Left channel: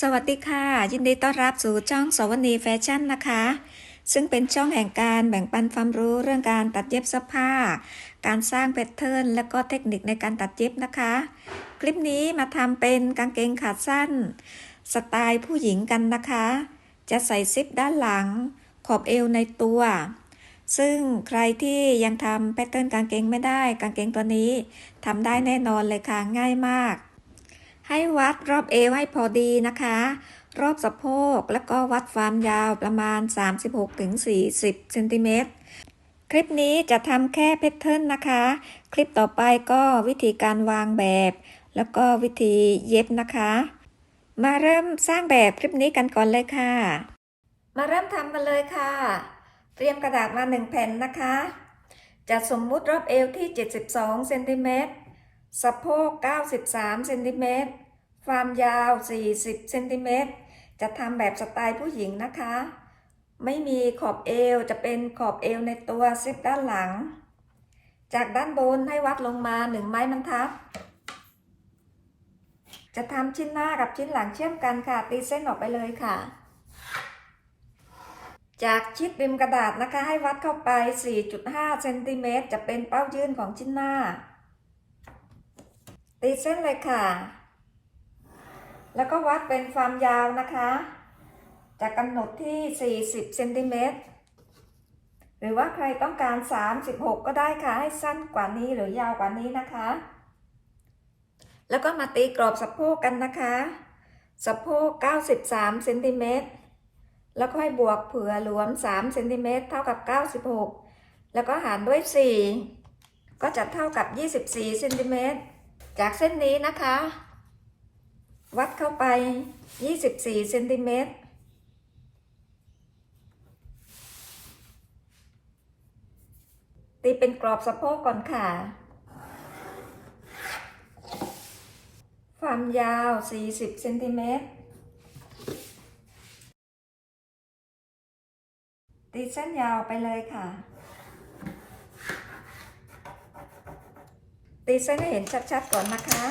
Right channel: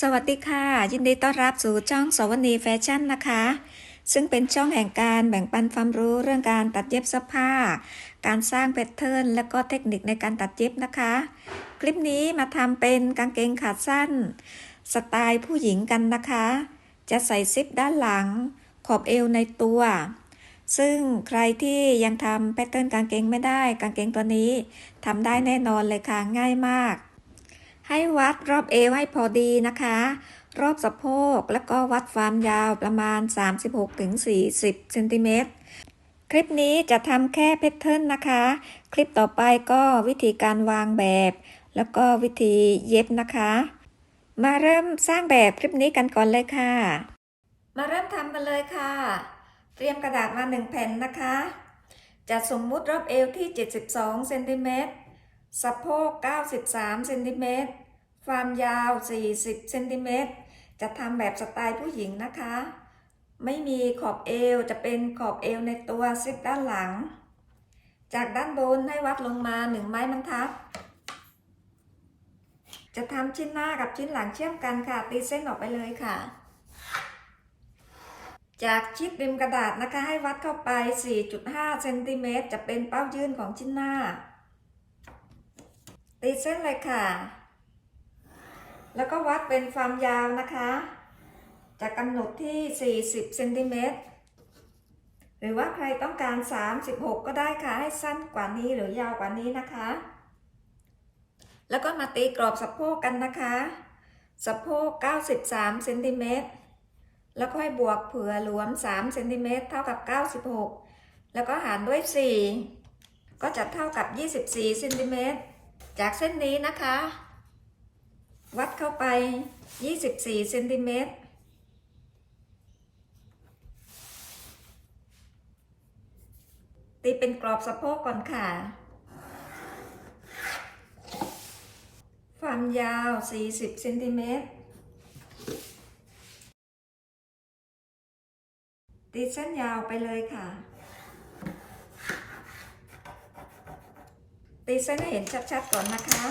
สวัสดีค่ะ ยินดีต้อนรับสู่ช่องสวนีแฟชั่นนะคะ ซึ่งเป็นช่องแห่งการแบ่งปันความรู้เรื่องการตัดเย็บเสื้อผ้า การสร้างแพทเทิร์นและก็เทคนิคในการตัดเย็บนะคะ คลิปนี้มาทำเป็นกางเกงขาสั้น สไตล์ผู้หญิงกันนะคะ จะใส่ซิปด้านหลัง ขอบเอวในตัว ซึ่งใครที่ยังทำแพทเทิร์นกางเกงไม่ได้ กางเกงตัวนี้ทำได้แน่นอนเลยค่ะง่ายมาก ให้วัดรอบเอวให้พอดีนะคะ รอบสะโพกแล้วก็วัดความยาวประมาณ 36-40เซนติเมตรคลิปนี้จะทำแค่แพทเทิร์นนะคะ คลิปต่อไปก็วิธีการวางแบบ แล้วก็วิธีเย็บนะคะ มาเริ่มสร้างแบบคลิปนี้กันก่อนเลยค่ะ มาเริ่มทำกันเลยค่ะ เตรียมกระดาษมาหนึ่งแผ่นนะคะ จะสมมุติรอบเอวที่ 72เซนติเมตร สะโพก 93เซนติเมตรความยาว 40เซนติเมตรจะทำแบบสไตล์ผู้หญิงนะคะ ไม่มีขอบเอวจะเป็นขอบเอวในตัวซิปด้านหลัง จากด้านบนให้วัดลงมา1ไม้บรรทัด จะทำชิ้นหน้ากับชิ้นหลังเชื่อมกันค่ะ ตีเส้นออกไปเลยค่ะ จากชิดริมกระดาษนะคะให้วัดเข้าไป 4.5เซนติเมตรจะเป็นเป้ายื่นของชิ้นหน้า ตีเส้นเลยค่ะ แล้วก็วัดเป็นความยาวนะคะ จะกำหนดที่ 40เซนติเมตรหรือว่าใครต้องการ 36 ก็ได้ค่ะ ให้สั้นกว่านี้หรือยาวกว่านี้นะคะ แล้วก็มาตีกรอบสะโพกกันนะคะ สะโพก 93เซนติเมตรแล้วก็ให้บวกเผื่อหลวม3เซนติเมตรเท่ากับ 96 แล้วก็หารด้วย 4 ก็จะเท่ากับ 24เซนติเมตร จากเส้นนี้นะคะ วัดเข้าไป 24เซนติเมตรตีเป็นกรอบสะโพกก่อนค่ะ ความยาว 40เซนติเมตรตีเส้นยาวไปเลยค่ะ ตีเส้นให้เห็นชัดๆก่อนนะคะ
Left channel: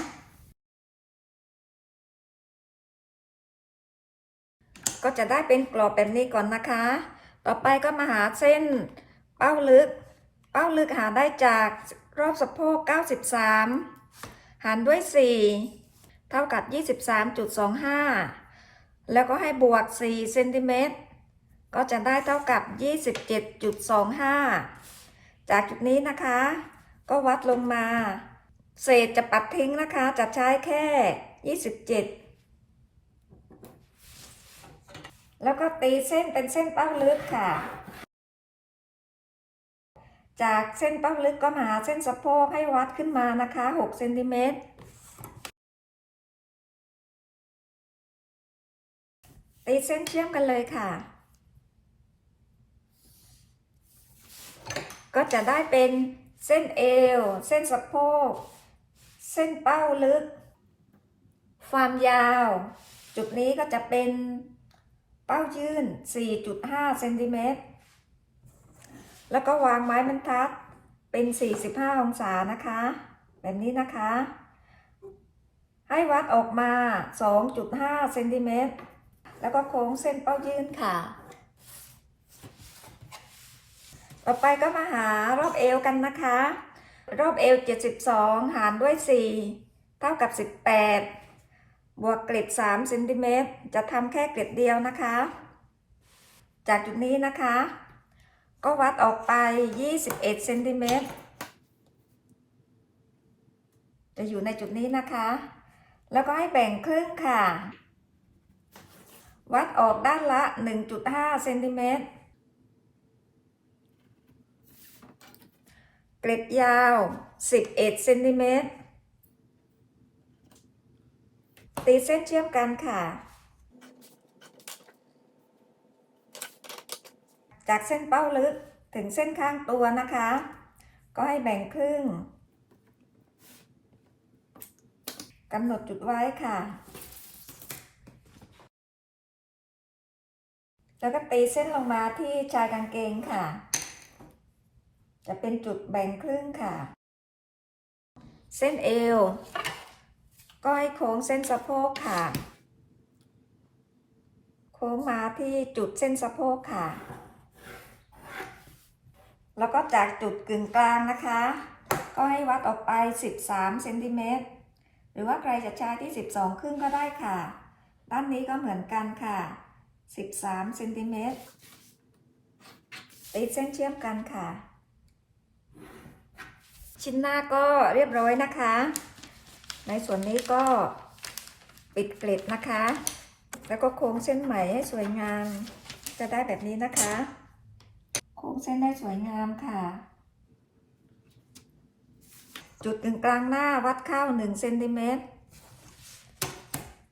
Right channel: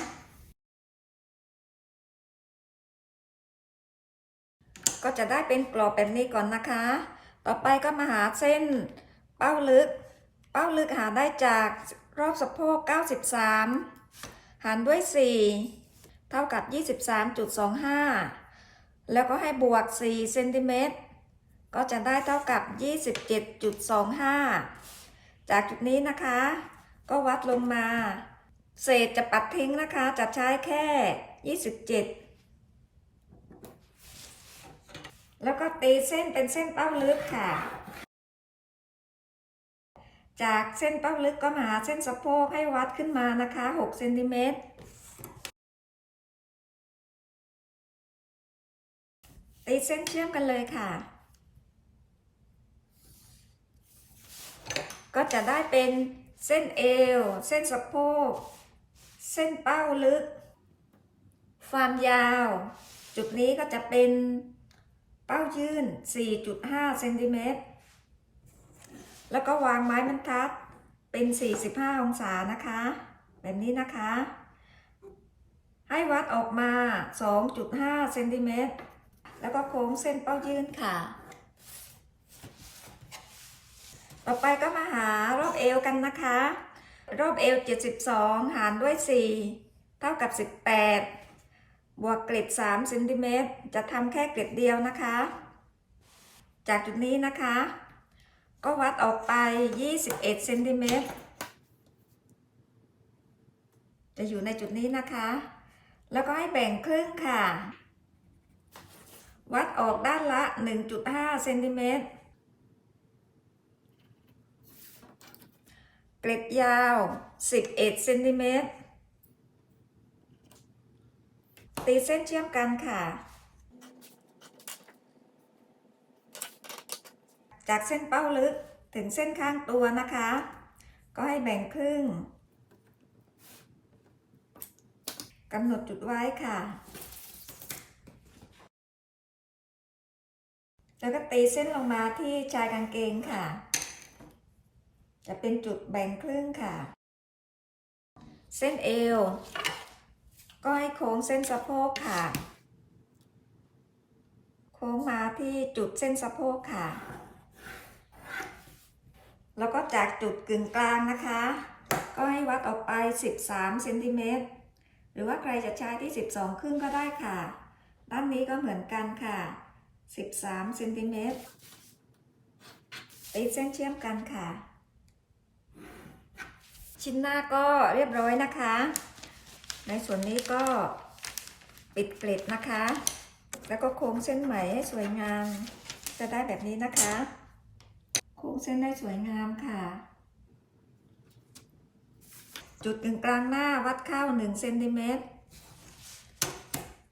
ก็จะได้เป็นกรอบแบบนี้ก่อนนะคะ ต่อไปก็มาหาเส้นเป้าลึก เป้าลึกหาได้จากรอบสะโพก 93 หารด้วย 4 เท่ากับ 23.25 แล้วก็ให้บวก 4 เซนติเมตร ก็จะได้เท่ากับ 27.25 จากจุดนี้นะคะ ก็วัดลงมา เศษจะปัดทิ้งนะคะ จะใช้แค่ 27 แล้วก็ตีเส้นเป็นเส้นเป้าลึกค่ะ จากเส้นเป้าลึกก็หาเส้นสะโพกให้วัดขึ้นมานะคะ 6 เซนติเมตรตีเส้นเชื่อมกันเลยค่ะ ก็จะได้เป็น เส้นเอว เส้นสะโพก เส้นเป้าลึก ความยาว จุดนี้ก็จะเป็นเป้ายื่น 4.5 เซนติเมตร แล้วก็วางไม้บรรทัดเป็น 45 องศานะคะ แบบนี้นะคะ ให้วัดออกมา 2.5 เซนติเมตร แล้วก็โค้งเส้นเป้ายื่นค่ะ ต่อไปก็มาหารอบเอวกันนะคะ รอบเอว 72 หารด้วย 4 เท่ากับ 18 บวกเกล็ด3เซนติเมตรจะทำแค่เกล็ดเดียวนะคะ จากจุดนี้นะคะ ก็วัดออกไป 21เซนติเมตรจะอยู่ในจุดนี้นะคะ แล้วก็ให้แบ่งครึ่งค่ะ วัดออกด้านละ 1.5เซนติเมตร เกล็ดยาว 11เซนติเมตร ตีเส้นเชื่อมกันค่ะ จากเส้นเป้าลึกถึงเส้นข้างตัวนะคะ ก็ให้แบ่งครึ่งกำหนดจุดไว้ค่ะ แล้วก็ตีเส้นลงมาที่ชายกางเกงค่ะ จะเป็นจุดแบ่งครึ่งค่ะ เส้นเอวก็ให้โค้งเส้นสะโพกค่ะ โค้งมาที่จุดเส้นสะโพกค่ะ แล้วก็จากจุดกึ่งกลางนะคะ ก็ให้วัดออกไป 13เซนติเมตร หรือว่าใครจะใช้ที่ 12 ครึ่งก็ได้ค่ะ ด้านนี้ก็เหมือนกันค่ะ 13เซนติเมตรติดเส้นเชื่อมกันค่ะ ชิ้นหน้าก็เรียบร้อยนะคะ ในส่วนนี้ก็ปิดเกล็ดนะคะ แล้วก็โค้งเส้นไหมให้สวยงาม จะได้แบบนี้นะคะ โค้งเส้นให้สวยงามค่ะ จุดกึ่งกลางหน้าวัดเข้า1เซนติเมตร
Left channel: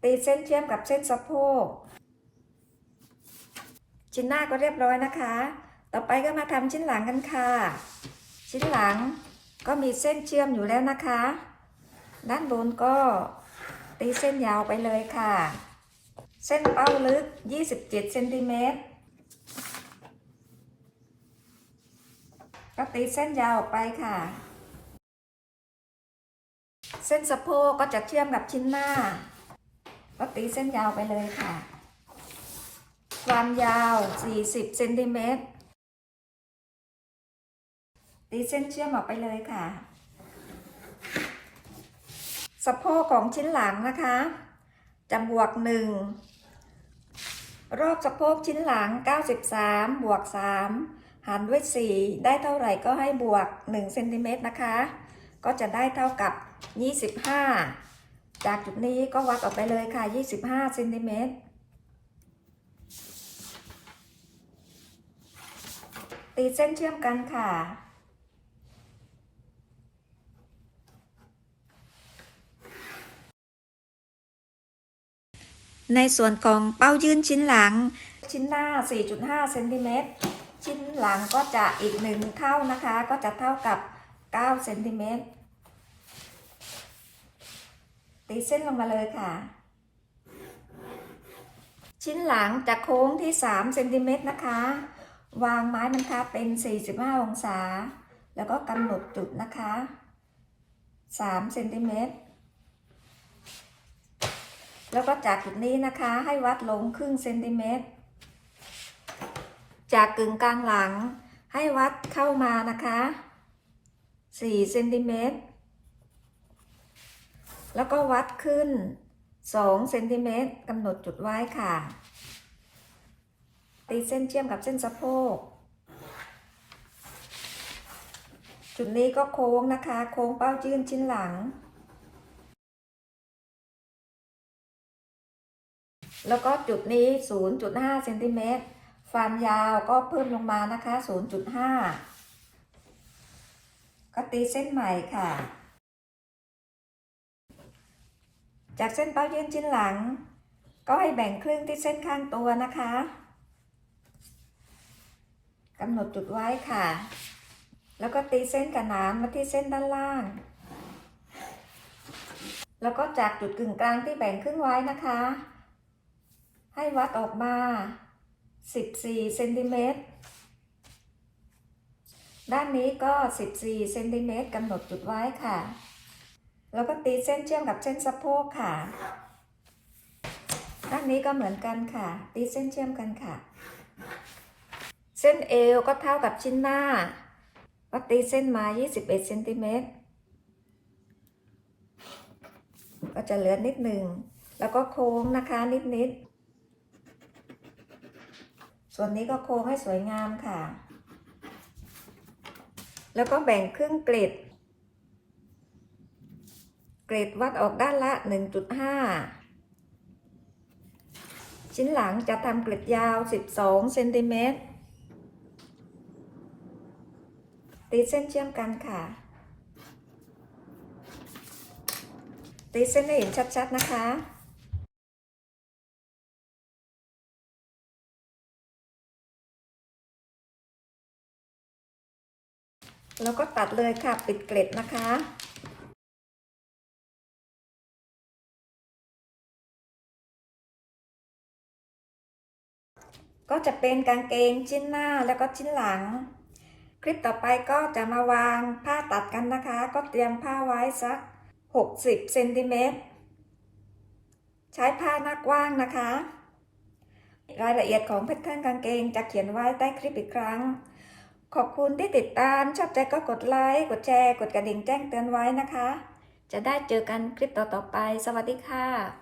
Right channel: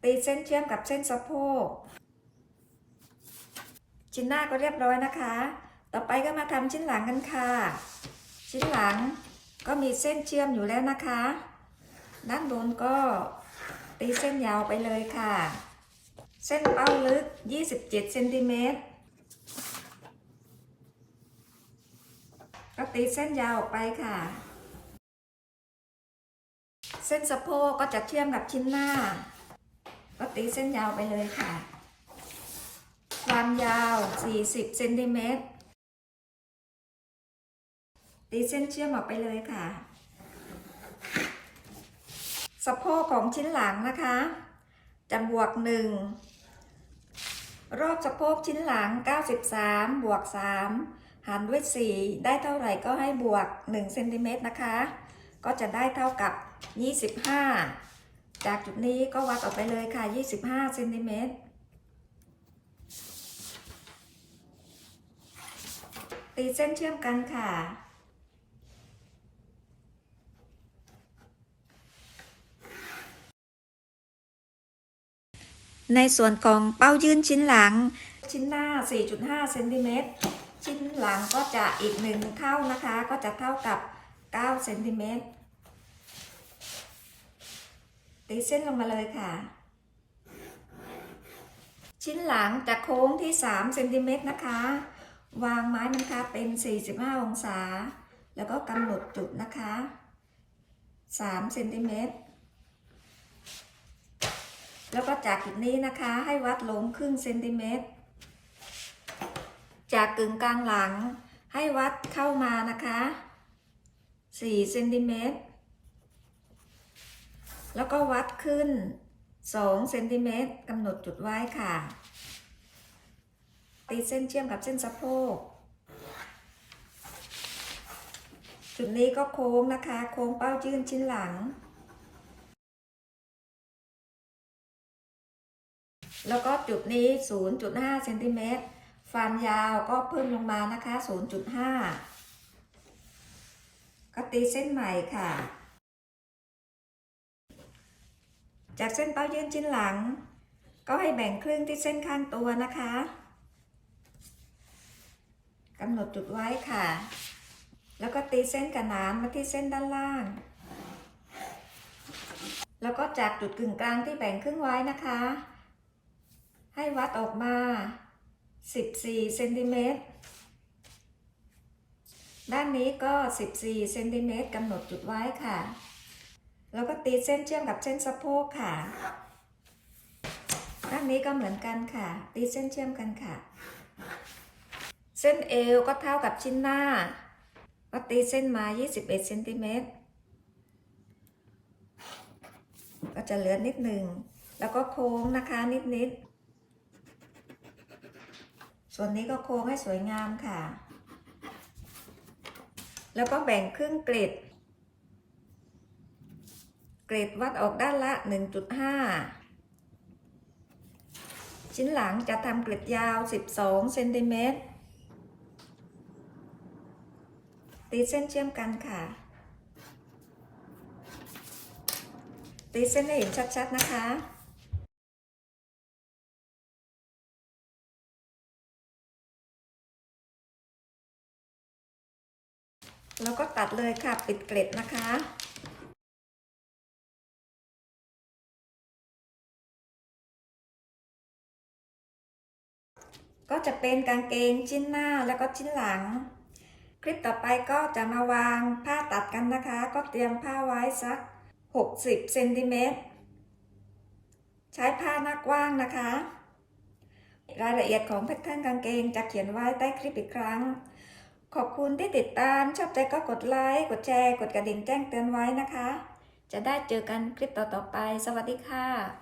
ตีเส้นเชื่อมกับเส้นสะโพก ชิ้นหน้าก็เรียบร้อยนะคะ ต่อไปก็มาทำชิ้นหลังกันค่ะ ชิ้นหลัง ก็มีเส้นเชื่อมอยู่แล้วนะคะ ด้านบนก็ตีเส้นยาวไปเลยค่ะ เส้นเป้าลึก 27เซนติเมตรก็ตีเส้นยาวออกไปค่ะ เส้นสะโพกก็จะเชื่อมกับชิ้นหน้า ก็ตีเส้นยาวไปเลยค่ะ ความยาว 40เซนติเมตร ตีเส้นเชื่อมออกไปเลยค่ะ สะโพกของชิ้นหลังนะคะจะบวก1รอบสะโพกชิ้นหลัง 93 บวก 3 หารด้วย 4 ได้เท่าไหร่ก็ให้บวก1เซนติเมตรนะคะ ก็จะได้เท่ากับ 25 จากจุดนี้ก็วัดออกไปเลยค่ะ 25เซนติเมตรตีเส้นเชื่อมกันค่ะ ในส่วนของเป้ายื่นชิ้นหลัง ชิ้นหน้า 4.5เซนติเมตรชิ้นหลังก็จะอีกหนึ่งเท่านะคะ ก็จะเท่ากับ9เซนติเมตรตีเส้นลงมาเลยค่ะ ชิ้นหลังจะโค้งที่3เซนติเมตรนะคะ วางไม้บรรทัดเป็น 45 องศา แล้วก็กำหนดจุดนะคะ3เซนติเมตร แล้วก็จากจุดนี้นะคะให้วัดลงครึ่งเซนติเมตร จากกึ่งกลางหลังให้วัดเข้ามานะคะ4เซนติเมตร แล้วก็วัดขึ้น2เซนติเมตรกำหนดจุดไว้ค่ะ ตีเส้นเชื่อมกับเส้นสะโพก จุดนี้ก็โค้งนะคะ โค้งเป้ายื่นชิ้นหลัง แล้วก็จุดนี้ 0.5เซนติเมตรฟันยาวก็เพิ่มลงมานะคะ 0.5 ก็ตีเส้นใหม่ค่ะ จากเส้นเป้ายื่นชิ้นหลัง ก็ให้แบ่งครึ่งที่เส้นข้างตัวนะคะกำหนดจุดไว้ค่ะ แล้วก็ตีเส้นกระหนานมาที่เส้นด้านล่าง แล้วก็จากจุดกึ่งกลางที่แบ่งครึ่งไว้นะคะ ให้วัดออกมา 14เซนติเมตร ด้านนี้ก็ 14เซนติเมตรกำหนดจุดไว้ค่ะ แล้วก็ตีเส้นเชื่อมกับเส้นสะโพกค่ะ ด้านนี้ก็เหมือนกันค่ะ ตีเส้นเชื่อมกันค่ะ เส้นเอวก็เท่ากับชิ้นหน้า ก็ตีเส้นมา 21เซนติเมตร ก็จะเหลือนิดหนึ่ง แล้วก็โค้งนะคะนิดๆ ส่วนนี้ก็โค้งให้สวยงามค่ะ แล้วก็แบ่งครึ่งเกล็ด เกรดวัดออกด้านละ 1.5 ชิ้นหลังจะทำเกล็ดยาว 12 เซนติเมตร ตีเส้นเชื่อมกันค่ะ ตีเส้นให้เห็นชัดๆนะคะ ตัดเลยค่ะปิดเกล็ดนะคะก็จะเป็นกางเกงชิ้นหน้าแล้วก็ชิ้นหลัง คลิปต่อไปก็จะมาวางผ้าตัดกันนะคะ ก็เตรียมผ้าไว้สัก 60เซนติเมตรใช้ผ้าหน้ากว้างนะคะ รายละเอียดของแพทเทิร์นกางเกงจะเขียนไว้ใต้คลิปอีกครั้ง ขอบคุณที่ติดตาม ชอบใจก็กดไลค์ กดแชร์ กดกระดิ่งแจ้งเตือนไว้นะคะ จะได้เจอกันคลิปต่อๆไป สวัสดีค่ะ